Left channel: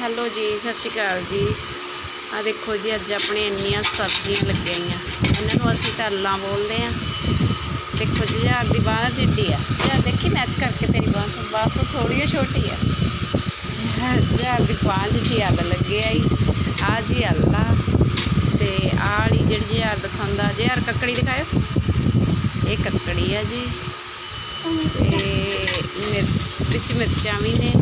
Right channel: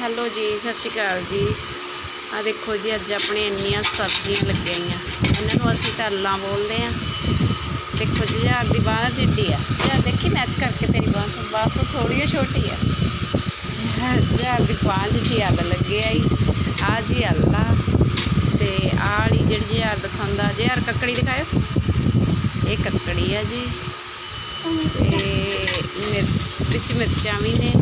Hello ਜੀ, ਸਤਿ ਸ਼੍ਰੀ ਅਕਾਲ ਜੀ। ਆ ਦੇਖੋ ਜੀ, ਅੱਜ ਆਪਣੇ ਇੰਨੀਆਂ ਸਬਜ਼ੀਆਂ ਲੱਗੀਆਂ ਇਹਨਾਂ ਨੂੰ ਅਸੀਂ ਤਰਲਾਂ ਬੋਲਦੇ ਆ ਦੇਖੋ ਜੀ ਯਾਰ ਦੀ ਬਾਹ ਟਿੱਡੀ ਆ। ਯਾਰ ਦੇਖੀ ਮੈਚ ਕਰਕੇ ਤੇਰੀ ਬਾਹ ਤੋਂ। ਬਾਹ ਤੋਂ ਥੋੜੀ ਛੋਟੀ ਆ। ਯਾਰ ਦੀ ਬਾਹ ਜਿੱਡੀ ਅੱਲ ਲੱਗੇ ਆਈ ਆ ਜੀ। ਅੱਲਾ ਤੇ ਆੜੀ ਜਿਹੜੀ ਯਾਰ ਦਿਖਾਉਂਦਾ ਜੇ ਯਾਰ ਕੱਕੜੀ ਦਿਖਾਇਓ। ਇਹ ਕੱਕੜੀ ਆ ਜੀ। ਤੇ ਮਿਰ, ਵਿੱਚ ਮਿਰਚਾਂ ਵੀ ਨੇ।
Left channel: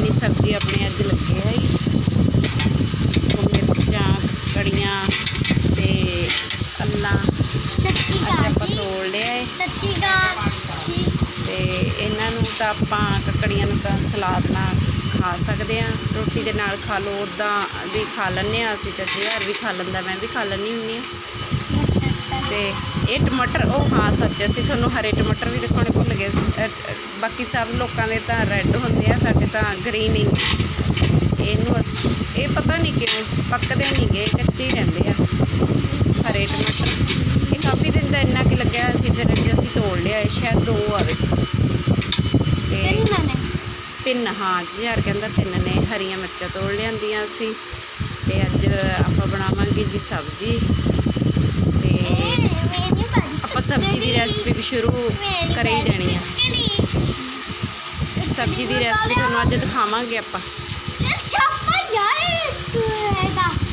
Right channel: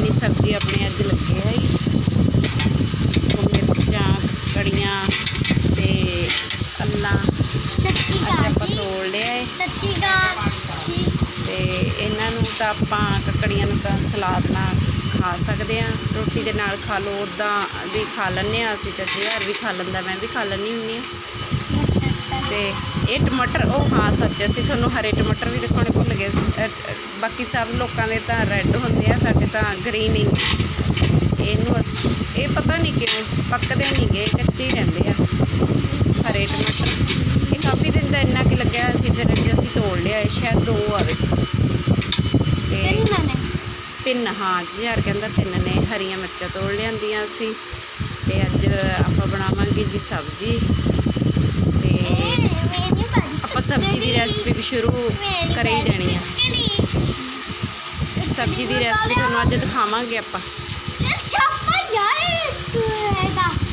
ਇੰਨੀ ਸਬਜ਼ੀ ਆਪਣੇ ਅੱਜ ਲੱਗੇ ਹੈ ਮਿਰਚਾਂ ਕੜੀਆਂ ਤੇ ਅੱਲਾ ਸੱਚੀ ਅੱਜ ਗੱਲ ਆਪਾਂ ਜੀ। ਤੋੜ ਲਿਆ ਏ। ਸੱਚੀ ਗੱਲ ਜੀ। ਤੇ ਇਹਨਾਂ ਨੂੰ ਤਾਂ ਆਪਾਂ ਕੱਕੜੀਆਂ ਨੂੰ ਤਾਂ ਸਲਾਦ ਨਾਲ ਖਾ ਸਕਦੇ ਆ। ਰੋਟੀ ਦੇ ਨਾਲ ਖਾ ਲਓ ਉੱਦਾਂ ਵੀ ਖਾ ਲੈਂਦੇ ਆ ਅਸੀਂ ਤਾਂ ਜਿਹੜਾ ਵੀ ਖਾ ਲੈਂਦਾ ਮੈਂ ਵੀ ਖਾ ਲੈਂਦੀ ਹੁੰਦੀ ਆ। ਤੇ ਇਹ ਟਮਾਟਰ ਉਹ ਹਾਂ ਸੱਚ ਅਸੀਂ ਤੁਹਾਨੂੰ ਹਰੇ ਟਮਾਟਰ ਵੀ ਦਿਖਾਉਣੇ ਭੁੱਲ ਗਏ ਬਾਕੀ ਸਭ ਲੋਕਾਂ ਦੇ ਤਾਂ ਰੈੱਡ ਹੁੰਦੇ ਆ ਸਾਡੇ ਤਾਂ ਗ੍ਰੀਨ ਹੀ। ਇਹਨੂੰ ਅਸ- ਇਹ ਪਤਾ ਨਹੀਂ ਕਿਉਂ ਪੱਕਦੇ ਨਹੀਂ ਗਏ ਕੱਚੇ ਹੀ ਰਹਿੰਦੇ ਆ। ਹਰੇ ਟਮਾਟਰ। ਇਹ ਕਾਫੀ ਦਿਨ ਦਾ ਇੰਨਾ ਕਿ ਲੱਗਿਆ ਸੀ ਫਿਰ ਅੱਜ ਅਸੀਂ ਤੋੜ ਲਿਆ ਇਹ ਸ਼ਾਇਦ ਦੋ ਆ ਵਿੱਚ। ਤੇ ਤਿੰਨ ਨੇ? ਤਿੰਨ ਹਾਂ ਜੀ ਯਾਰ ਕਹਿੰਦਾ ਤਿੰਨ ਨੇ ਹਰੀਆਂ ਮਿਰਚਾਂ ਤੋੜ ਲਿਆਂਦੀਆਂ ਸੀ। ਤੇ ਅੱਜ ਆਪਾਂ ਬਣਾਵਾਂਗੇ ਜੀ ਸਬਜ਼ੀ। ਤੇ ਆਪਾਂ ਸਬਜ਼ੀ ਦੀ ਰੈਸਪੀ ਵੀ ਸ਼ੁਰੂ ਕਰੇ ਹੀ ਦੇਣੀ ਆ। ਸਬਜ਼ੀ ਦੀ ਰੈਸਪੀ ਤੁਹਾਨੂੰ ਅੱਜ ਦਿਖਾਵਾਂਗੇ ਆਪਾਂ।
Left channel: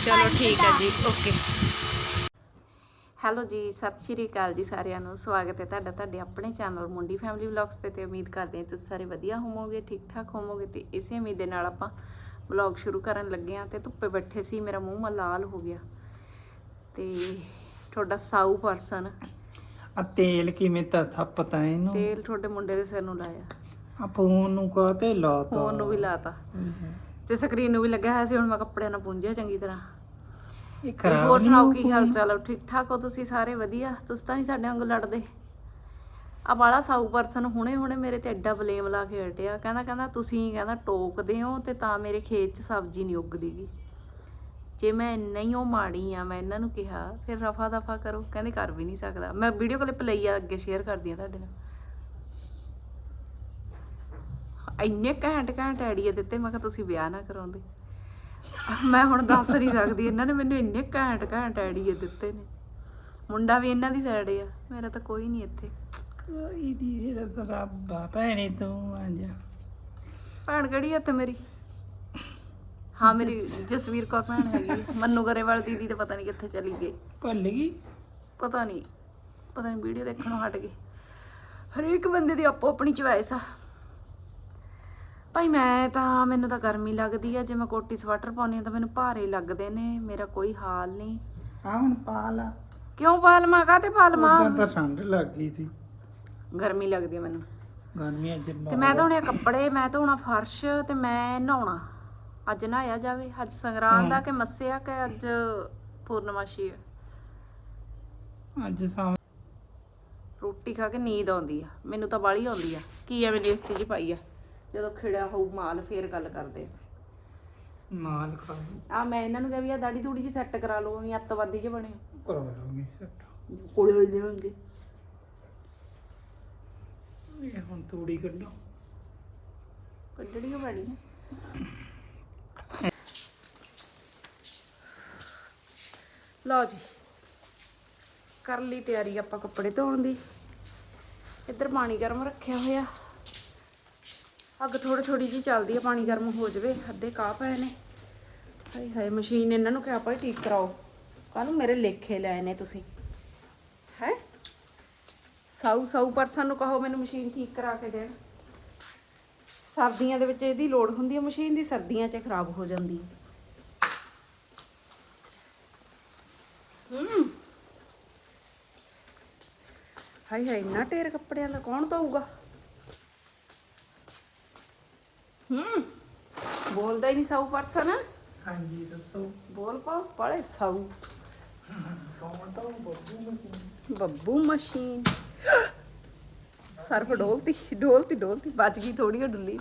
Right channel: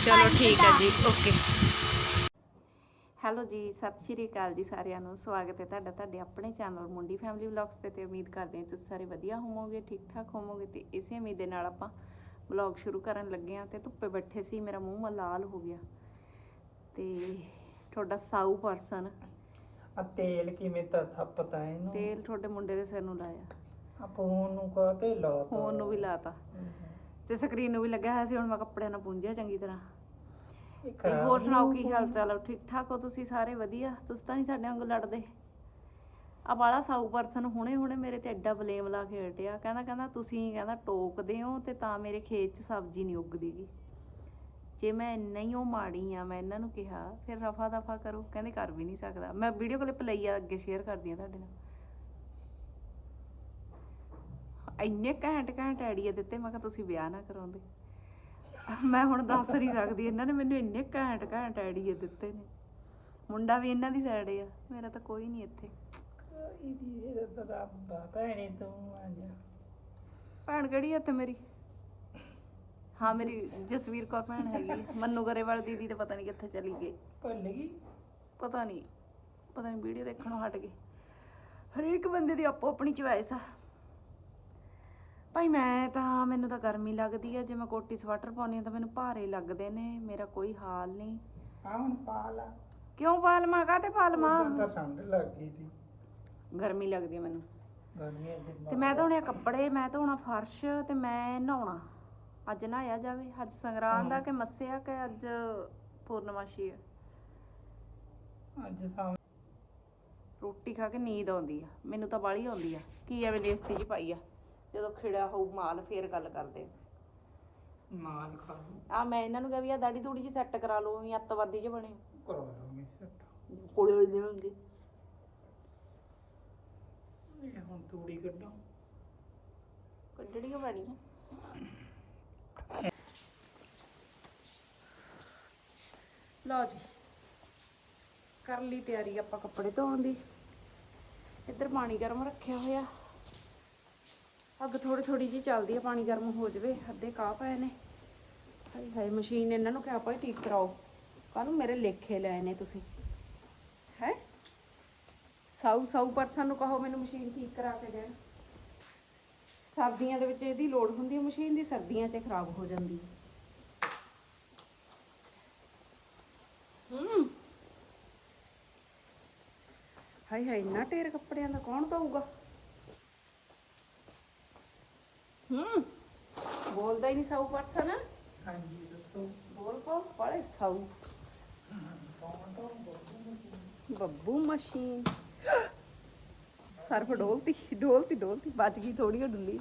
ਚਲੋ ਠੀਕ ਹੈ ਜੀ ਓਕੇ ਹੈਲੋ ਜੀ, ਸਤਿ ਸ਼੍ਰੀ ਅਕਾਲ ਜੀ ਸਾਰਿਆਂ ਨੂੰ। ਸਵਾਗਤ ਹੈ ਤੁਹਾਡਾ ਤੁਹਾਡੇ ਆਪਣੇ ਚੈਨਲ ਮੁੰਡੀ ਫੈਮਿਲੀ ਵਲੌਗਸ ਤੇ ਤੇ ਉਮੀਦ ਕਰਦੇ ਹਾਂ ਤੁਸੀਂ ਸਾਰੇ ਵਧੀਆ ਹੋਵੋਗੇ ਠੀਕ ਠਾਕ ਹੋਵੋਗੇ ਤੇ ਇਸੇ ਉਮੀਦ ਦੇ ਨਾਲ ਆਪਾਂ ਵਲੌਗ ਸ਼ੁਰੂ ਕਰਨ ਲੱਗੇ ਹਾਂ ਤੇ ਧੁੱਪੇ ਬੈਠੇ ਸੀ, ਮੇਰਾ ਮੂੰਹ ਮਾ ਲਾਲ ਹੋ ਗਿਆ। ਤੇ ਤੁਹਾਡਾ ਸਾਊ ਪਰਸਨ। ਆ ਤੇਲ ਕਿਵੇਂ ਤਾਂ ਪਤਾ ਇਹਨੂੰ? ਤੇਲ ਤੁਹਾਡੇ ਮੁੰਡੇ ਦੇ ਸਿਰ ਨੂੰ ਲਾਇਆ। ਆ ਫੋਨ ਨੂੰ ਕਾਤੇ ਲਾਤਾ? ਫੋਨ ਨੂੰ ਵੀ ਲਾਤਾ। ਤੇ ਸਕਰੀਨ ਨੂੰ ਵੀ ਲੱਗਿਆ ਹੋਇਆ ਸੀ ਹੁਣ ਮੈਂ ਕੱਪੜਿਆਂ ਨਾਲ ਪੂੰਝਿਆ ਚੰਗੀ ਤਰ੍ਹਾਂ। ਇਹ ਤੇ ਖਰਾਬ ਹੋਰ ਸੁਣਾਓ ਕੀ? ਹਾਲ ਚਾਲ ਹੈ ਠੀਕ ਠਾਕ ਹੋ ਤੁਸੀਂ ਸਾਰੇ? ਵਧੀਆ? ਤੁਸੀਂ ਤਾਂ ਨਹੀਂ ਸਾਡੇ ਵਾਂਗੂ ਲੜਦੇ। ਆ ਬਾਲਾ ਸਾਊ ਪਰਸਨ ਹੁਣੇ ਹੁਣੇ ਮੇਰੇ ਤੇ ਐਡਾ ਬਲੇਮ ਲਾ ਕੇ ਹਟਿਆ। ਕਹਿੰਦਾ ਕਹਿੰਦਾ ਤੁਸੀਂ ਕਹਿੰਦਾ ਟੋਕਦੇ ਹੋ ਤੇ ਤਾਂ ਮੇਰੇ ਖੇਤ 'ਚ ਸਬਜ਼ੀ ਨਹੀਂ ਉੱਗਦੀਗੀ। ਜੇ ਮੈਂ ਨਹੀਂ ਉਹ ਮਾੜੀ ਆ ਮੈਂ ਇਹਨਾਂ ਨੂੰ ਕਿਹਾ ਫਿਰ ਰਫਾ ਦਫਾ ਕਰੋ ਕਹਿੰਦੇ ਕਰ ਵੀ ਨਹੀਂ ਸਕਦਾ। ਮੈਂ ਵੀਡੀਓ ਕਲਿੱਪ ਲਈ ਆ ਅੱਗੇ ਸ਼ੇਅਰ ਕਰਦੀ ਆ ਤੁਹਾਡੇ ਨਾਲ। ਇੰਨੇ ਘੈਂਟ ਘੈਂਟ ਆਈਡੀਆ ਦਿੱਤੇ ਮੈਂ ਕਿਹਾ ਤੁਸੀਂ ਵਿਆਹ ਨਾ ਕਰਾਉਂਦੇ। ਮੈਂ ਹੁਣ ਦੱਸ ਨਹੀਂ ਸਕਦੀ ਇਹਨਾਂ ਨੇ ਮੈਨੂੰ ਇੰਨੇ ਘੈਂਟ ਘੈਂਟ ਆਈਡੀਆ ਦਿੱਤੇ ਨੇ। ਮੁੰਡਾ ਵੀ ਇਹਨਾਂ ਦੀ ਸਾਈਡ ਆ ਮੇਰਾ ਤਾਂ ਕੋਈ ਨਹੀਂ ਇੱਥੇ। ਕੋਈ ਦੀ ਰੱਬ ਭੈਣੇ ਤੂੰ ਆ ਜਾ। ਭੈਣ ਕਿਹੜੀ ਆ ਤੇ ਮੇਰੀ? ਹਾਂ ਮੇਰੀ ਜਸਵੀਰ ਕੌਰ ਭੈਣ ਹੈਗੀ ਆ। ਮੰਨੂ ਗਰੇਵਾਲ ਦੀਦੀ ਤਾਂ ਪਤਾ ਨਹੀਂ ਕਿੱਥੇ ਚਲੀ ਗਈ। ਭੁੱਲ ਗਈ? ਪਤਾ ਨਹੀਂ ਪਤਾ ਨਹੀਂ ਵੀਡੀਓ ਦੇਖਣੋਂ ਹਟ ਗਈ। ਹਰੇਕ ਬੰਦੇ ਦੀ ਆਪੋ ਆਪਣੀ ਚੁਆਇਸ ਆ। ਭਾਈ ਮੈਂ ਤਾਂ ਮੈਨੂੰ ਤਾਂ ਗਰਮੀ ਲੱਗਦੀ ਆ। ਜੇ ਮੈਂ ਕੋਟੀ ਸਵੈਟਰ ਪਾਉਣੀ ਆ ਤਾਂ ਮੈਨੂੰ ਭਾਰੇ ਲੱਗਦੇ ਨੇ ਮੇਰਾ ਕੋਈ ਹਾਲ ਨਹੀਂ ਆ ਹੁਣ ਪਾ ਲਾ ਕਿਉਂ ਪਾਲਮਾ ਕਾਤੇ ਪਾਲਮਾ ਉਦਾਂ ਤਾਂ ਠੰਡ ਲੱਗ ਗਈ ਸੀ। ਗਰਮੀ ਲੱਗਦੀ ਆ ਮੈਨੂੰ। ਗਰਮੀ ਅੱਜ ਤੇ ਮੈਂ ਧੋਣੇ ਆ ਕੱਪੜੇ ਮੈਂ ਧੋਣਾ ਫਰਸ਼ ਤੇ ਮੈਂ ਨਹਾਉਣਾ। ਅੱਜ ਨਹਾਇਆ ਜਾਵੇ ਅੱਜ ਸੰਗਰਾਂਦ ਆ ਕਿ ਮੱਸਿਆ ਕਿ ਅੱਜ ਪੂਰਨਮਾਸ਼ੀ ਅੱਜ ਸਾਂ ਰੋਟੀ ਖਾ ਕੇ ਨੀਂਦ ਆਉਂਦੀ ਆ ਮੈਨੂੰ ਤਾਂ ਬਾਲੀ ਆਉਂਦੀ ਆ। ਕੀ ਐਵੇਂ ਲੇਸਤੀ ਜੀ ਪਾਈ ਆ? ਜਦੋਂ ਖਿੜਿਆ ਹੋਊ ਮਾਲ ਫੇਰ ਗੱਲ ਕਰਦੇ ਆ। ਨਾਲ ਖਾ। ਆ ਮੈਂ ਇਹਨਾਂ ਨੂੰ ਕਿਹਾ ਵੀ ਆ ਦਾੜੀ ਦੂੜੀ ਜੀ ਸੈੱਟ ਕਰਾ ਲਓ ਜਾਂ ਅੱਤਵਾਦੀ ਜੇ ਬਣੇ ਕਰਵਾ ਲਾਂਗੇ ਸੈੱਟ। ਕੋਲੇ ਹੋ ਜਾਣਗੇ ਇਹ ਹੁਣ ਤੂੜੀ ਕੱਢੋ। ਕੱਢੜੀ ਹੋ ਲਓ ਜੀ। ਕਰ ਲਈ ਤਿਆਰੀ ਆਪਾਂ ਕੱਪੜੇ ਧੋਣ ਦੀ। ਇੱਧਰ ਪਾਣੀ ਗਰਮ ਰੱਖਿਆ ਹੋਇਆ। ਅੱਗ ਥੋੜੀ ਥੋੜੀ ਜੀ ਚੱਲਦੀ ਹੈ ਪਾਣੀ ਗਰਮ ਹੋ ਜਾਵੇ। ਅੱਧੇ ਕਾਹ ਪਏ ਨੇ। ਹਾਏ ਹਾਏ, ਮਸ਼ੀਨ ਇਹਨਾਂ ਨੂੰ ਕਿਹਾ ਭਾਈ ਠੀਕ ਕਰਾਓ। ਕਾਹਨੂੰ ਮੇਰੇ ਲੇਖੇ ਲੈ ਨੇ ਤੁਸੀਂ? ਹੈ? ਸਾਊ ਸਾਊ ਪਰਸਨ ਨੂੰ ਕਹੋ ਮੈਨੂੰ ਮਸ਼ੀਨ ਠੀਕ ਕਰਾ ਕੇ ਦੇਣ ਸਰਦੀਆਂ ਦੇ ਵਿੱਚ ਇਹਦੀ ਲੋੜ ਹੁੰਦੀ ਹੈ ਮਸ਼ੀਨ ਦੀ ਸਰਦੀਆਂ 'ਚ ਖਰਾਬ ਹੋ ਜਾਂਦੀ ਹੈ ਹਾਏ ਹਾਏ ਇੰਨਾ ਢੇਰ ਕੱਪੜਿਆਂ ਦਾ ਕੌਣ ਧੋਊਗਾ? ਹੂੰ ਬੋਲਦਾ ਹੀ ਨਹੀਂ ਸਾਊ ਪਰਸਨ ਹਾਂਜੀ ਦੱਸੋ। ਬੋਲ ਪਾ ਬੜੇ ਸਾਊ। ਬੱਬੂ ਮਸ਼ੀਨ। ਸਰਫ ਡੋਲਤੀ ਡੋਲਤੀ ਡੋਲਤੀ ਬਚ ਗਈ ਥੋੜੀ ਉਹ ਡੁੱਲੀ।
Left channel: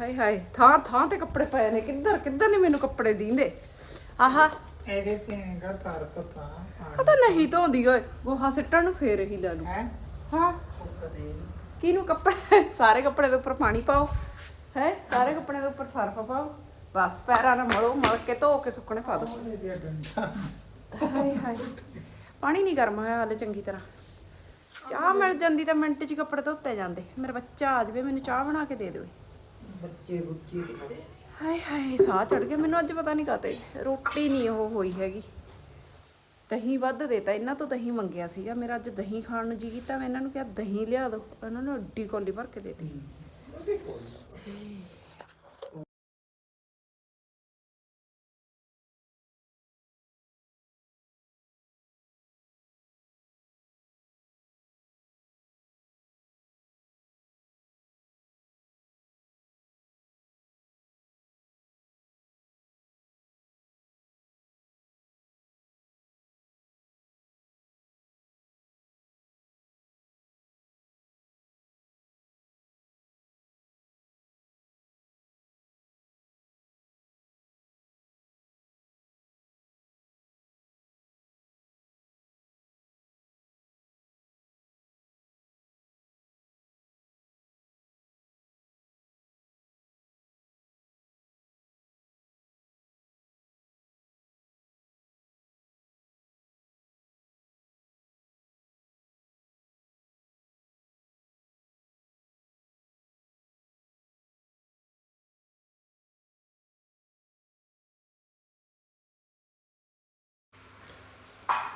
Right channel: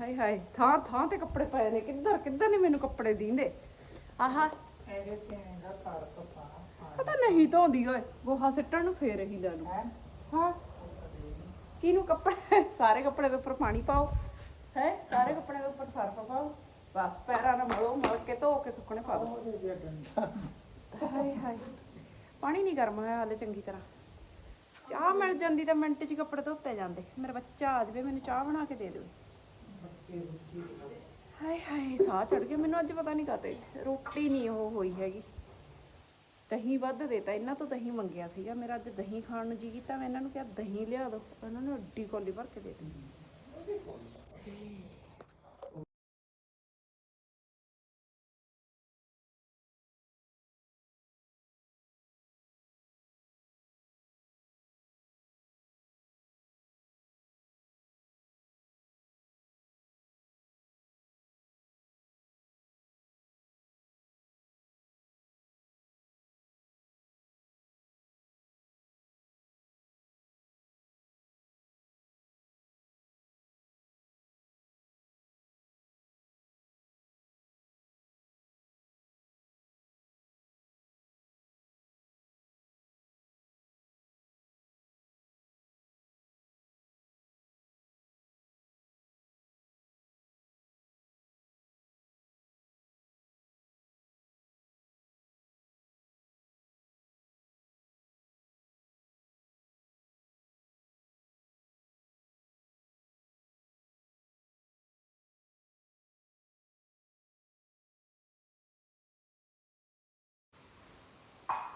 ਹਾਏ ਹਾਏ ਥਾਂ ਥਾਂ ਤੇ ਕੱਪੜੇ ਪਏ ਨੇ। ਕਿੱਧਰ ਕਿੱਧਰ ਨੇ ਮੈਨੂੰ ਕੱਪੜੇ ਦੀਂਦੇ? ਆਹਾ ਇਹਦੇ ਤੇ ਹੈਗਾ ਸਰਪ ਤਾਂ ਪਤਾ ਨਹੀਂ ਧੋਂਦੀ ਓਏ ਗੋਹਾ ਸਿੱਟਣ ਨੂੰ ਫੇਰ ਹੀ ਲਾ ਲੂ ਹੈ? ਦੇ ਕਿਹਨੂੰ ਕੱਪੜੇ ਸਾਰੇ ਕੱਪੜੇ ਦੇ ਉੱਪਰ ਪਾਣੀ ਪਾਓ। ਹੈ? ਸਾਰੇ ਕੱਪੜੇ ਦੇ ਉੱਪਰ ਸਰਫ ਪਾਓ। ਬਸ ਪੈਰਾਂ ਨਾਲ ਮਲੋ ਮਲ ਕੇ ਧੋ ਕੇ ਸੁੱਕਣੇ ਪਾ ਦਿਓ ਹਾਏ ਹਾਏ। ਪਾਣੀ ਨਹੀਂ ਗਰਮ ਹੋਇਆ ਹਾਲੇ ਚੰਗੀ ਤਰ੍ਹਾਂ। ਚਾਹ ਮਿਲ ਜਾਂਦੀ ਤਾਂ ਮਿੰਟ 'ਚ ਕੱਪੜੇ ਧੋਤੇ ਜਾਂਦੇ। ਮੇਰਾ ਬੱਚਾ ਆ ਜਾਵੇ ਮੈਨੂੰ ਚਾਹ ਬਣਾ ਕੇ ਦੇ ਦਿਓ। ਬੱਚੇ ਬੁੱਚੇ ਹਾਏ ਹਾਏ, ਸਾਹ ਚੜ ਗਿਆ। ਮੈਨੂੰ ਅੱਜ ਪਤਾ ਨਹੀਂ ਕਾਤੇ ਰੋਟੀ ਨਹੀਂ ਉਹ ਹੋਈ ਹੈਗੀ। ਦਹੀਂ ਵੱਧ ਦੇਤਾ। ਇਹਨਾਂ ਤੋਂ ਦਹੀਂ ਮੰਗਿਆ ਸੀਗਾ। ਮੇਰਾ ਅੱਜ ਦਹੀਂ ਖਾਣ ਨੂੰ ਜੀ ਕੀਤਾ। ਮੈਂ ਇਹਨਾਂ ਨੂੰ ਕਿਹਾ, ਦਹੀਂ ਲਿਆ ਦਿਓ। ਇਹਨਾਂ ਨੂੰ ਅੱਡੀ ਕੋਲੀ ਭਰ ਕੇ ਦੇ ਦਿੱਤੀ।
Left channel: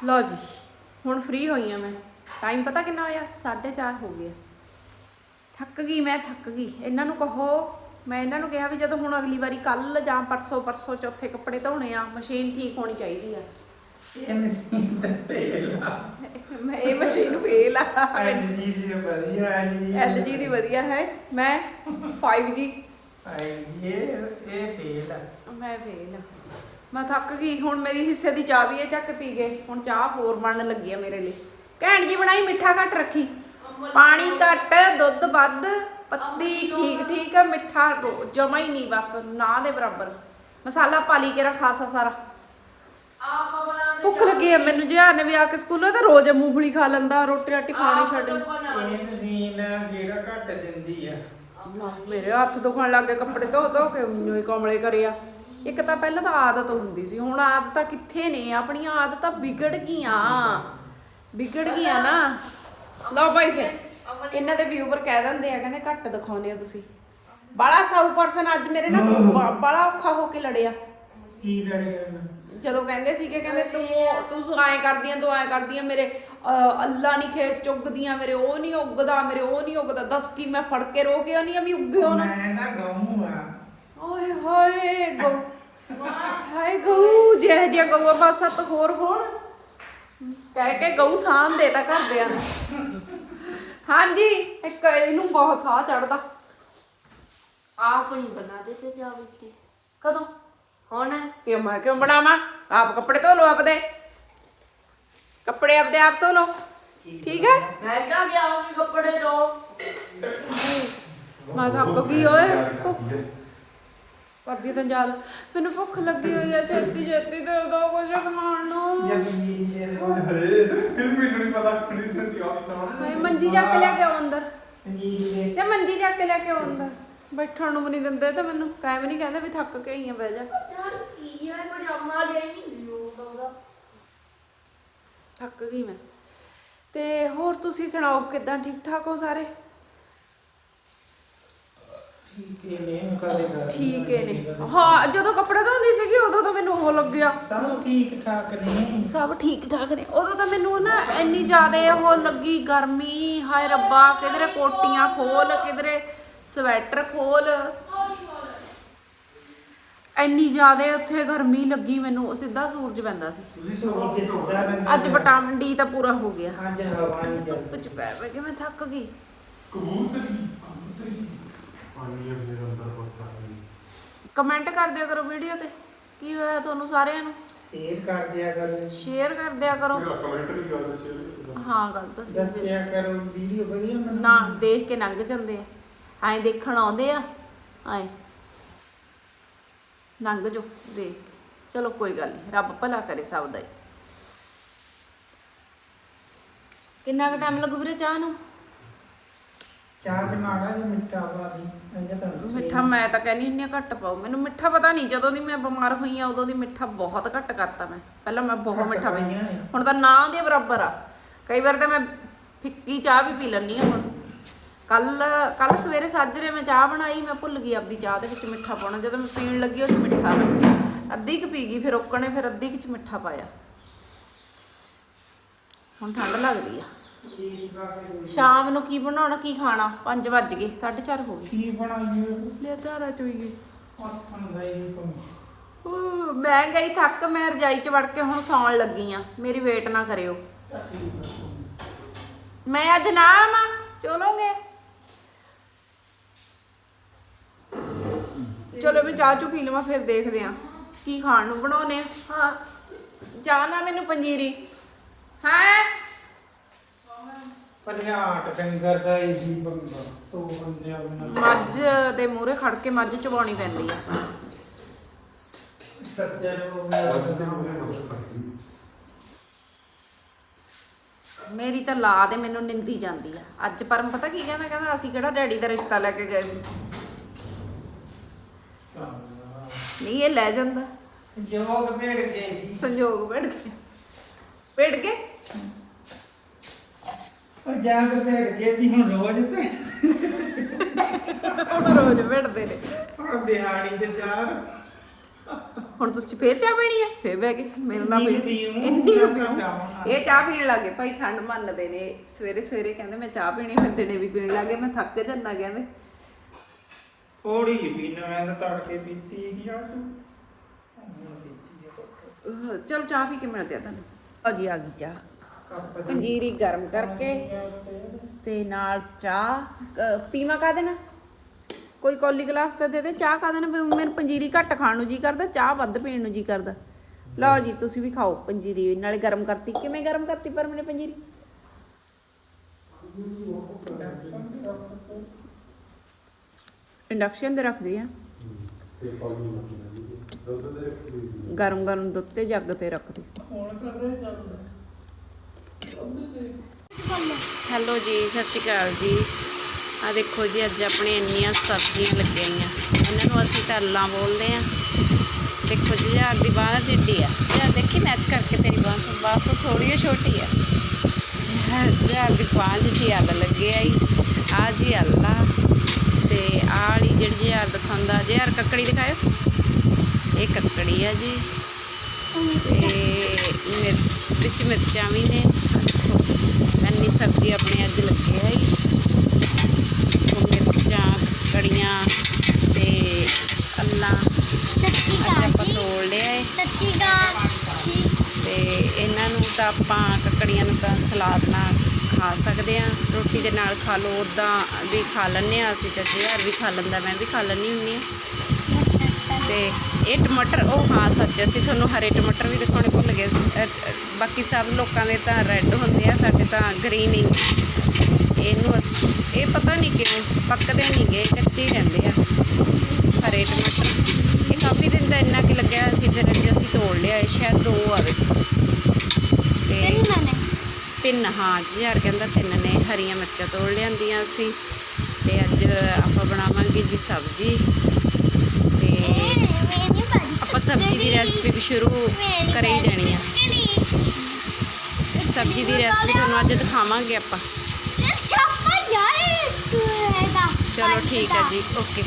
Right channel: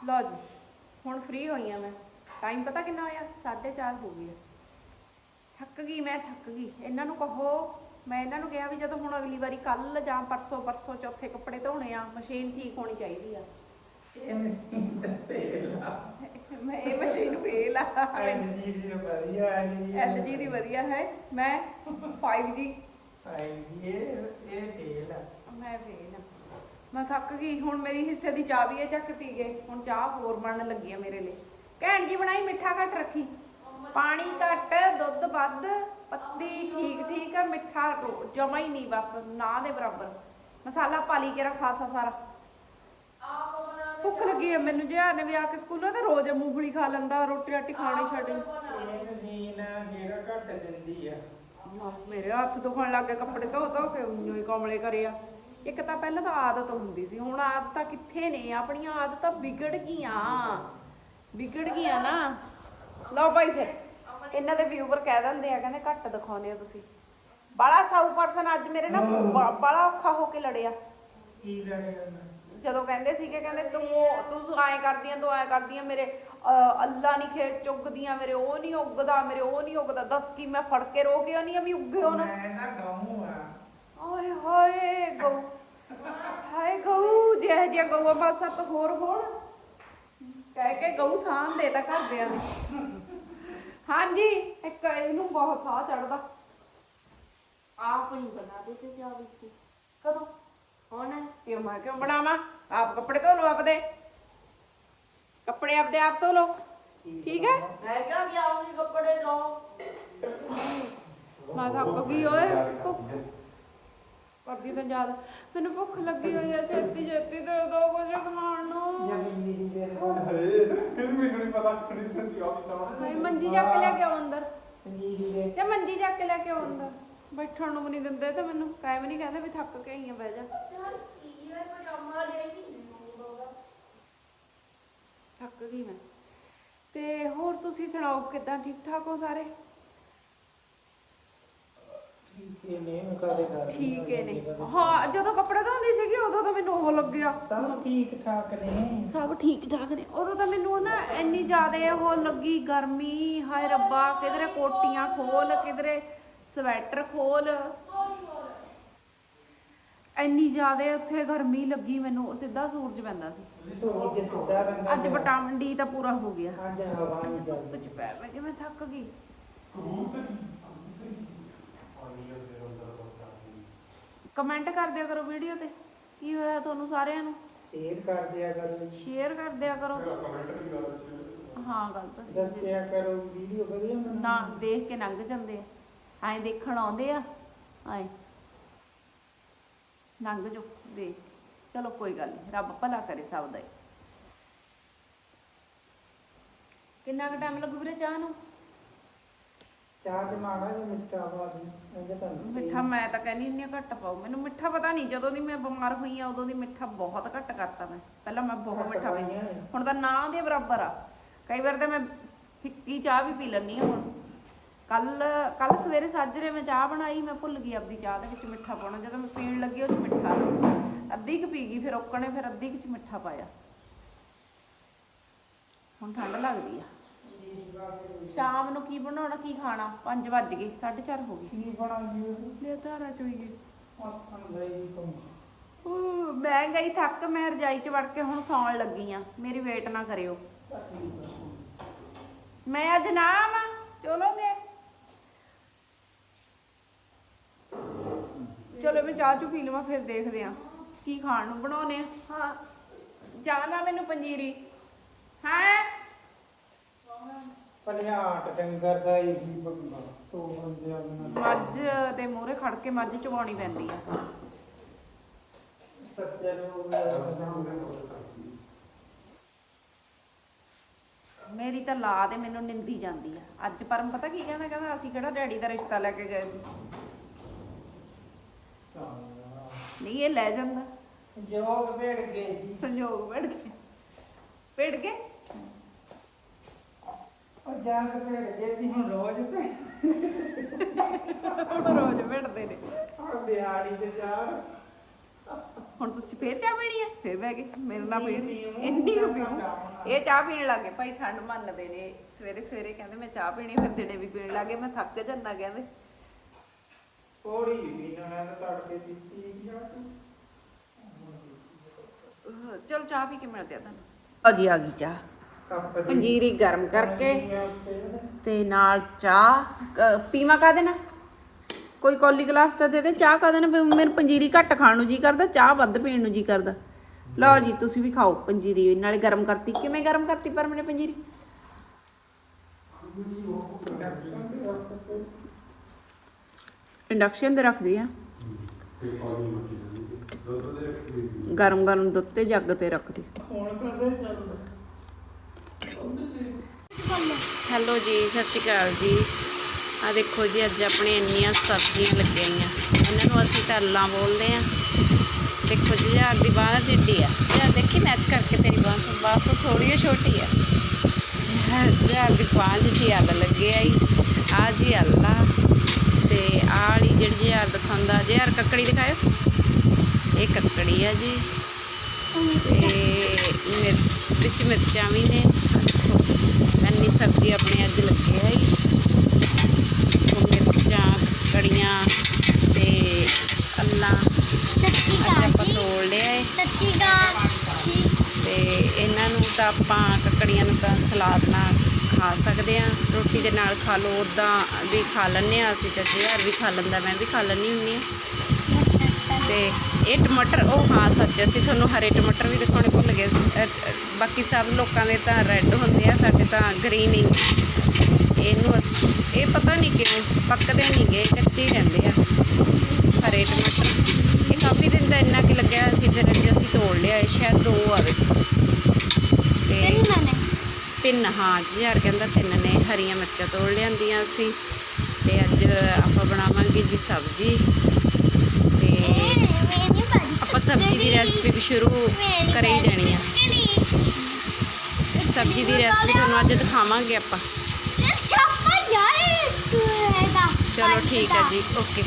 ਲਓ ਜੀ ਹੁਣ ਫ੍ਰੀ ਹੋਈ ਆ ਮੈਂ। ਟਾਈਮ ਪਤਾ ਕਿੰਨਾ ਹੋਇਆ? 4:30 ਹੋ ਗਿਆ ਥੱਕ ਗਈ ਮੈਂ ਥੱਕ ਗਈ। ਇਹਨਾਂ ਨੂੰ ਕਹੋ ਮੈਂ ਇਹਨਾਂ ਨੂੰ ਕਿਹਾ ਵੀ ਜਦੋਂ ਹੁਣ ਅਗਲੀ ਵਾਰੀ ਕੱਲ ਜਾਂ ਪਰਸੋਂ ਪਰਸੋਂ ਚੌਥੇ ਕੱਪੜੇ ਧੋਣੇ ਆ ਮਸ਼ੀਨ ਠੀਕ ਹੋਣੀ ਚਾਹੀਦੀ ਆ। ਇਹ ਮਸ਼ੀਨ ਤੇ ਤੇਲ ਮੈਂ ਇਹ ਮਸ਼ੀਨ ਫੇਲ ਆ। ਦੀ ਵਧੀਆ ਦੀ ਹੈ। ਮੈਂ 5G ਆਈ ਇਹ ਇਹ ਤੇਲ ਆ। ਮੈਂ ਫੇਲ ਆ। ਮੈਂ ਥੱਕ ਗਈ ਹੁਣ ਮੇਰੀ ਹਿੱਸੇ ਦੀ ਚਾਹ ਵੀ ਹੈ ਚੱਕ ਪੀ ਗਏ ਹੁਣ ਚਾਹ ਹੋਰ ਬਣਨ ਲੱਗੀ ਆ ਮੇਰੇ ਲਈ। ਘੈਂਟ ਜੀ ਬਣਾਈ ਮਿੱਠਾ ਘੱਟ ਰੱਖੀ। ਪਾਣੀ ਘੱਟ ਦੁੱਧ ਵੱਧ ਪੱਤੀ ਠੀਕ ਠੀਕ ਆ ਮਿੱਠਾ ਜਮਾ ਹੀ ਨਹੀਂ ਬਸ ਨਾ ਦੇ ਬਰਾਬਰ। ਮਸਾਲਾ ਪਾ ਲਈ ਕੇ ਖਾਸਾ ਸਾਰਾ। ਭੁੱਖ ਲੱਗੀ ਆ ਮੈਨੂੰ ਜਿਹਾ ਨੇ ਵੀ ਆ ਕੇ ਸਕੂਲੋਂ ਤਾਂ ਰੋਜ਼ ਮੂੰਗਫਲੀ ਖਾ ਲੈਂਦਾ ਰੋਟੀ ਰਾਟੀ ਖਾਣੀ ਛੱਡ ਇਹ ਮਸ਼ੀਨ ਜਿਹੜਾ ਘੱਟ ਦਿੰਦੀ ਆ। ਮੇਰੇ ਹੱਥ ਦੁਖਣ ਲੱਗ ਗਏ ਕੱਪੜੇ ਧੋ ਧੋ ਕੇ ਹੀ ਕਮਲੇ ਕਰਿਆ ਇੱਕ ਤਾਂ ਪਹਿਲਾਂ ਤਾਂ ਆਦਤ ਹੁੰਦੀ ਸੀ ਹੁਣ ਆਦਤਾਂ ਕਿੱਥੇ ਨੇ? ਆਪਣੀਆਂ ਆਦਤਾਂ ਵਿਗੜ ਗਈਆਂ। ਵਿਗੜ ਗਈਆਂ ਨਾ। ਲਓ ਬਾਈ ਫਿਰ ਇਹਨਾਂ ਦੇ ਵਿਊਵਰ ਕਹਿ ਦਿੰਦੇ ਆ ਕਹਿੰਦੇ ਘੱਟ ਦਿਖਾਉਂਦੇ ਆ ਤੁਸੀਂ। ਬਾਲਾ ਸਾਊ ਪਰਸਨ ਅੱਜ ਮੇਰੇ ਨਾਲ ਬਾਲਾ ਔਖਾ ਹੋ ਕੇ ਲੜਿਆ। ਕੀ ਲੜਿਆ? ਜਦੋਂ ਕਹਿੰਦੇ ਸੀਗੇ ਕਹਿੰਦੇ ਤੂੰ ਤੂੰ ਐਂ ਕਰਦੀਆਂ ਤੂੰ ਐਂ ਕਰਦੀਆਂ ਮੇਰੇ ਅੱਲਾ ਨਹੀਂ ਖੇਤ ਚੁੱਗਦੀਆਂ ਮੇਰੇ ਉਹ ਨਹੀਂ ਉੱਗਦਾ ਮੇਰੇ ਉਹ ਨਹੀਂ ਉੱਗਦਾ। ਦੱਸ ਕੀ ਮੈਂ ਫੜ ਕੇ ਰੋਕਿਆ ਨਹੀਂ ਆ ਵੀ ਉੱਗਿਓ ਨਾ? ਮੈਂ ਤਾਂ ਗਊ ਆ। ਓਏ ਹੋਏ ਗਊ ਹਾਏ ਗਊ ਜਿਹੇ ਜਿਹੇ ਗਊ ਪਾਸਾ ਤਾਂ ਹੋਰ ਹੋਣ। ਕਹਿ ਕੇ ਗਊ ਸਾਂਭ ਦੇ ਤਾਂ ਘਰਦਿਆਂ ਹਾਂਜੀ ਇੱਕ ਇਹਨੂੰ ਬਹੁਤ ਸਾਹ ਚੜਦਾ ਆਪ ਹੀ ਬਣਾ ਦੇਤੇ ਜਾ ਵਿੱਤੀ ਕਦੋਂ? ਹੁਣ? ਕਿ ਮੈਂ ਕਿਉਂ ਬਣਾਵਾਂ? ਆਪ ਕੱਪੜੇ ਧੋ ਲੋ ਆਪਦੇ। ਕੱਪੜੇ ਆਪਦੇ ਆਪ ਧੋ ਲਓ। ਠੀਕ ਹੈ? ਮੈਂ ਕਹਾਂ ਕਿ ਆਪ ਵੀ ਕੱਪੜੇ ਧੋ। ਮੈਂ ਥੱਕ ਗਈ ਓਏ ਕਰਦੀ ਤਾਂ ਯਾਦ। ਮੈਨੂੰ ਭੁੱਖ ਲੱਗੀ ਹੋਈ ਆ ਛੇਤੀ ਛੇਤੀ ਦੇ ਦੋ ਕੁਝ ਖਾਣ ਨੂੰ। ਮੈਨੂੰ ਨਹੀਂ ਪਤਾ ਕਿਹੜੀ ਤੇ ਸੀ ਅੰਦਰ। ਤੇ ਮੰਜੀ ਚੱਕ ਕੇ ਲਿਆ ਕੇ ਅੰਦਰ। ਬੈਠਣ ਨੂੰ ਵੀ ਨਹੀਂ ਦਿੰਦੇ ਤੇ ਮੈਨੂੰ ਕਾਇਮ ਨਹੀਂ ਕਹਿੰਦੇ ਵੀ ਥੱਕ ਕੇ ਹੀ ਬਹਿ ਜਾ। ਥੱਕ ਗਈ ਮੈਂ। ਤੇ ਹੋਰ ਤੁਸੀਂ ਸੁਣਾਓ ਕਿਦਾਂ ਠੀਕ ਠਾਕ ਹੋ ਸਾਰੇ? ਠੀਕ ਹੈ ਨੇ ਕਦੇ ਕਰ ਠੀਕ ਹੈ ਨੇ। ਹਾਂ ਜਦੋਂ ਕੱਪੜੇ ਧੋਂਦੀ ਸੀਗੀ ਉਦੋਂ ਤਾਂ ਮੈਨੂੰ ਉਹ ਲੱਗਿਆ ਸਭ ਠੀਕ ਠਾਕ ਨੇ। ਸਭ ਠੀਕ ਠਾਕ ਨੇ। ਉਦੋਂ ਤਾਂ ਮੈਨੂੰ ਨਾ ਇੰਨੀ ਜ਼ਿਆਦਾ ਉਹ ਲੱਗੀ ਗਰਮੀ ਹਾਏ ਰੱਬਾ ਕਿਧਰੇ ਕੋਟੀਆਂ ਖੋਲ ਕਿਧਰੇ ਸਵੈਟਰ ਖੋਲ। ਇੰਨੀ ਜ਼ਿਆਦਾ ਉੱਥੇ ਗਰਮੀ ਲੱਗੀ ਮੈਨੂੰ ਸਿੱਧਾ ਸੂਰਜ ਪੈਂਦਾ ਸੀ। ਤੁਸੀਂ ਸੋਚ ਕੇ ਸੁੱਧਾ ਬੰਦਾ ਅੱਜ ਵਿਟਾਮਿਨ ਡੀ ਤਾਂ ਪੂਰਾ ਹੋ ਗਿਆ। ਅੱਜ ਹਵਾ ਅੱਜ ਨਹੀਂ ਧੁੱਪ ਚ ਪੈ ਪੈ ਕੇ ਮੈਂ ਥੱਕ ਗਈ। ਕਮੈਂਟ ਕਰ ਦਿਆ ਕਰੋ ਵੀਡੀਓ ਤੇ। ਕੀ ਹੋਇਆ ਤੁਹਾਨੂੰ ਸਾਰਿਆਂ ਨੂੰ? ਸ਼ੇਅਰ ਕਰ ਦਿਆ ਕਰੋ। ਸ਼ੇਅਰ ਕਰ ਦਿਆ ਕਰੋ। ਕਮੈਂਟ ਵੀ ਕਰ ਦਿੱਤੀ ਹਾਂ ਗੱਲ ਤਾਂ ਸਹੀ ਹੈ ਦੱਸਿਆ ਕਰੋ ਵੀਡੀਓ ਵਧੀਆ ਬਣਦੀ ਨਾ ਦੇਖ ਕੇ ਲੰਘ ਜਾਂਦੇ ਆ। ਐਂ ਦੇਖਣ ਆਉਂਦੇ ਆ। ਐਂ। ਲੰਘ ਜੋ ਦੇਖ ਕੇ। ਚਲੋ ਕੋਈ ਗੱਲ ਨਹੀਂ। ਰੱਬ ਭਲਾ ਕਰੇ ਸਭ ਦਾ ਹੀ। ਕਿੰਨਾ ਕੁ ਟਾਈਮ ਲੱਗੂ ਵੀਰੇ ਚਾਹ ਨੂੰ? ਚਾਹ ਚ ਮਾੜਾ ਜਿਹਾ ਮਿੱਠਾ ਵਾਦੀ ਮੈਂ ਤਾਂ ਕਹਿੰਦੀ ਹੁੰਦੀ ਘੱਟ ਪਾਓ। ਮੈਨੂੰ ਮਿੱਠਾ ਪਤਾ ਨਹੀਂ ਜਦੋਂ ਦੀ ਮੈਂ ਬਿਮਾਰ ਹੋਈ ਆ ਉਦੋਂ ਦੀ ਮਿੱਠਾ ਬਹੁਤ ਘੱਟ ਕਰਤਾ ਮੈਂ। ਪਹਿਲਾਂ ਮੈਂ ਬਹੁਤ ਮਿੱਠਾ ਪੀਂਦੀ ਹੁਣ ਤਾਂ ਨਾ ਦੇ ਬਰਾਬਰ ਆ। ਕਈ ਵਾਰ ਤਾਂ ਮੈਂ ਫਿੱਕੀ ਚਾਹ ਵੀ ਪੀ ਲੈਂਦੀ ਆ ਹੁਣ। ਕੱਲ ਕੱਲ ਸਵੇਰੇ ਸਾਜਰੇ ਮੈਂ ਚਾਹ ਬਣਾਈ ਮੈਂ ਭੁੱਲ ਗਈ ਆਪਦੀ ਚਾਹ ਦੇ ਵਿੱਚ ਮਿੱਠਾ ਪਾਉਣਾ। ਜਦੋਂ ਮੈਂ ਪੀਣ ਲੱਗੀ ਉਹ 'ਚ ਮਿੱਠਾ ਨਾ ਅੱਧੀ ਕੁ ਪੀ ਗਈ ਫਿਰ ਓਕਣੇ ਫਿਰ ਅੱਧੀ ਕੁ ਚ ਮਿੱਠਾ ਪਾਇਆ। ਹੁਣ ਠੰਡ ਲੱਗਦੀ ਆ। ਸ਼ਾਮ ਨੂੰ ਕੀ ਬਣਾਉਣਾ ਕੀ ਖਾਣਾ? 5 ਵੱਜ ਗਏ 4:30 ਹੋ ਗਏ। ਕੀ ਬਣਾਈਏ? ਲੈ ਘਰ ਚ ਊ, ਮੈਂ ਗਈ ਥੱਕ ਮੈਂ ਰਜਾਈ ਚ ਵੜ ਕੇ ਹੁਣ ਸੌਣ ਲੱਗੀ ਆ। ਮੇਰੀ ਵੇਟ ਨਾ ਕਰਿਓ। ਮੈਂ ਅੱਜ ਨਾ ਆਵਾਂ ਚਲੋਗੇ? ਚਲੋ ਮੈਂ ਚਾਹ ਚੂ ਪੀ ਲਵਾਂ ਫਿਰ ਦੇਖਦੇ ਆ। ਕੀ ਖਾਣ ਨੂੰ ਬਣਾਉਨੇ ਆ? ਹਾਂ। ਚਾਹ ਨਾ ਮੈਨੂੰ ਪੰਜੀਰੀ। ਹਾਂ? ਪਲਿਆਟ ਡੰਗਰ ਦਾ ਹੀ ਜੀ ਬੰਦਾ ਤੋ ਅੰਜਾ ਬਣਾ ਮੱਝ ਦੇ ਮੂਹਰੇ ਖੜ ਕੇ ਮੱਝ ਚਵਾਉਣੀ ਪੈਂਦੀ ਆ। ਸੱਜਣ ਮੇਰੀ ਤਾਂ ਲਾ ਦੇ ਮੈਨੂੰ ਨਿੰਦੀ ਜਾਂਦੀ ਆ। ਅੱਜ ਪਰਮ ਪਤਾ ਕੀ ਕਹਿੰਦਾ ਕਹਿੰਦਾ ਅਸੀਂ ਕਿਹੜਾ ਡੈਡੀ ਦਾ ਰਿਸ਼ਤਾ ਲੈ ਕੇ ਗਏ ਸੀ? ਨਹੀਂ ਇਹ ਲੈ ਜਾਂਦਾ। ਜੋਗ ਭੇੜ ਕੇ। ਸੰਜੋਗ ਵੜ ਕੇ। ਪੇੜ ਕੇ? ਜਾ ਕੇ ਭੇੜ ਕੇ ਦੀ ਹੁਣ ਰੋਜ਼ ਭੇੜ ਹੁਣ ਰੋਜ਼ ਵੜਦੇ ਨੇ। ਹੁਣ ਦਿਹਾੜੀ ਤੇ ਚਾਰ ਹੁਣ ਤੁਸੀਂ ਫੇਰ ਚਾਹ ਪੀਣੀ ਹੈ ਫੇਰ ਬਹਿ ਕੇ ਮੇਰੇ ਨਾਲ ਇੰਨੀ ਕੁ। ਪੀ ਇੰਨੀ। ਇਹ ਚਾਹ ਪੀਣ ਲੱਗੇ ਭਾਈ ਠੰਡ ਮੰਨਦੇ ਨੇ। ਸਵੇਰੇ ਸਵੇਰੇ ਕਹਿੰਦੇ ਮੈਂ ਚਾਹ ਪੀਣੀ ਫਿਰ ਦਿਨੇ ਵੀ ਪੀਣ ਲੱਗੇ ਮੈਂ ਥੱਕ ਜਾਂਦਾ ਕਹਿੰਦੇ। ਥੋੜੀ ਜਿਹੀ ਪੀਣਾ ਮੈਂ ਤਾਂ ਤੜਕੇ ਪੀਤੀ ਸੀ ਆ। ਚਲ ਚਾਹ ਪੀ ਕੇ ਮਿਲਦੇ ਆ ਤੁਹਾਨੂੰ। ਅਜੀ ਆ ਗਈ ਚਾਹ। ਪੰਜੀਰੀ ਗਰਮ ਕਰਕੇ ਤੇ ਨਾਲ ਚਾਹ। ਕ- ਪੀਵਾਂ ਕਾਦੇ ਨਾਲ? ਕੋਈ ਕੌਲੀ ਗਲਾਸ ਤਾਂ ਦੇ ਦੇ, ਚਾਹ ਕਾਦੇ ਨਾਲ? ਵੀ ਮੈਨੂੰ ਪੰਜੀਰੀ ਘੱਟ ਖਾਣ ਨੂੰ ਜੀ ਕਰਦਾ, ਚਾਹ ਵੱਧ ਪੀਣ ਨੂੰ ਜੀ ਕਰਦਾ। ਲਓ ਜੀ, ਤੁਸੀਂ ਵੀ ਖਾਓ ਪੰਜੀਰੀ, ਨਾਲੇ ਗਰਮ ਕਰਤੀ। ਕਿਵੇਂ ਗਰਮ ਕਰਤੀ ਪਰ ਮੈਨੇ ਪੰਜੀਰੀ? ਇੰਡਕਸ਼ਨ ਤੇ ਰੱਖਦੇ ਆ। ਗਰਮ ਗਰਮ ਦੁੱਧ ਤੇ ਜੱਗ ਤੇ ਰੱਖਦੇ। ਹੁਣ ਕਰਦੇ ਚੱਲਦਾ। ਹੈਲੋ ਜੀ, ਸਤਿ ਸ਼੍ਰੀ ਅਕਾਲ ਜੀ। ਆ ਦੇਖੋ ਜੀ, ਅੱਜ ਆਪਣੇ ਇੰਨੀਆਂ ਸਬਜ਼ੀਆਂ ਲੱਗੀਆਂ। ਇਹਨਾਂ ਨੂੰ ਅਸੀਂ ਤਰਲਾਂ ਬੋਲਦੇ ਆ ਦੇਖੋ ਜੀ ਯਾਰ ਦੀ ਬਾਹ ਟਿੱਡੀ ਆ। ਯਾਰ ਦੇਖੀ ਮੈਚ ਕਰਕੇ ਤੇਰੀ ਬਾਹ ਤੋਂ। ਬਾਹ ਤੋਂ ਥੋੜੀ ਜਿਹੀ ਛੋਟੀ ਆ। ਯਾਰ ਯਾਰ ਦੀ ਬਾਹ ਜੀ ਅੱਲ ਲੱਗੇ ਆਈ ਆ ਜੀ। ਅੱਲਾ ਤੇ ਆੜੀ ਜਿਹੜੀ ਜੀ ਯਾਰ ਦਿਖਾਉਂਦਾ, ਜੇ ਯਾਰ ਕੱਕੜੀ ਦਿਖਾਇਓ। ਇਹ ਕੱਕੜੀ ਆ ਜੀ। ਤੇ ਮਿਰਚ ਵਿੱਚ ਮਿਰਚਾਂ ਵੀ ਨੇ। ਇੰਨੀ ਸਬਜ਼ੀ ਆਪਣੇ ਅੱਜ ਲੱਗੇ ਹੈ ਮਿਰਚਾਂ ਕੜੀਆਂ ਤੇ ਅੱਲਾ। ਸੱਚੀ ਅੱਜ ਆਪਾਂ ਤੋੜ ਲਿਆ ਏ। ਸੱਚੀ ਗਾਜੀ ਤੇ ਇਹਨਾਂ ਨੂੰ ਤਾਂ ਆਪਾਂ ਕੱਕੜੀਆਂ ਨੂੰ ਤਾਂ ਸਲਾਦ ਨਾਲ ਖਾ ਸਕਦੇ ਆ। ਰੋਟੀ ਦੇ ਨਾਲ ਖਾ ਲਓ ਉਦਾਂ ਵੀ ਖਾ ਲੈਂਦੇ ਆ ਅਸੀਂ ਤਾਂ ਜਿਹੜਾ ਵੀ ਖਾ ਲੈਂਦਾ ਮੈਂ ਵੀ ਖਾ ਲੈਂਦੀ ਹੁੰਦੀ ਆ। ਤੇ ਇਹ ਟਮਾਟਰ ਉਹ, ਹਾਂ ਸੱਚ, ਅਸੀਂ ਤੁਹਾਨੂੰ ਹਰੇ ਟਮਾਟਰ ਵੀ ਦਿਖਾਉਣੇ ਭੁੱਲ ਗਏ ਬਾਕੀ ਸਭ ਲੋਕਾਂ ਦੇ ਤਾਂ ਰੈੱਡ ਹੁੰਦੇ ਆ, ਸਾਡੇ ਤਾਂ ਗ੍ਰੀਨ ਹੀ। ਇਹਨੂੰ ਅਸ, ਇਹ ਪਤਾ ਨਹੀਂ ਕਿਉਂ ਪੱਕਦੇ ਨਹੀਂ ਗਏ ਕੱਚੇ ਹੀ ਰਹਿੰਦੇ ਆ। ਹਰੇ ਟਮਾਟਰ। ਇਹ ਕਾਫੀ ਦਿਨ ਦਾ ਇੰਨਾ ਕਿ ਲੱਗਿਆ ਸੀ, ਫਿਰ ਅੱਜ ਅਸੀਂ ਤੋੜ ਲਿਆ, ਇਹ ਸ਼ਾਇਦ ਦੋ ਆ ਵਿੱਚ। ਤੇ ਤਿੰਨ, ਹਾਂ ਜੀ ਯਾਰ ਕਹਿੰਦਾ ਤਿੰਨ ਨੇ, ਹਰੀਆਂ ਮਿਰਚਾਂ ਤੋੜ ਲਿਆਂਦੀਆਂ ਅਸੀਂ ਤੇ ਅੱਜ ਆਪਾਂ ਬਣਾਵਾਂਗੇ ਜੀ ਸਬਜ਼ੀ। ਆਪਾਂ ਸਬਜ਼ੀ ਦੀ ਰੈਸਪੀ ਵੀ ਸ਼ੁਰੂ ਕਰੇ ਹੀ ਜਾਣੀ ਆ। ਸਬਜ਼ੀ ਦੀ ਰੈਸਪੀ ਤੁਹਾਨੂੰ ਅੱਜ ਦਿਖਾਵਾਂਗੇ ਆਪਾਂ। ਚਲੋ ਠੀਕ ਹੈ ਜੀ ਓਕੇ।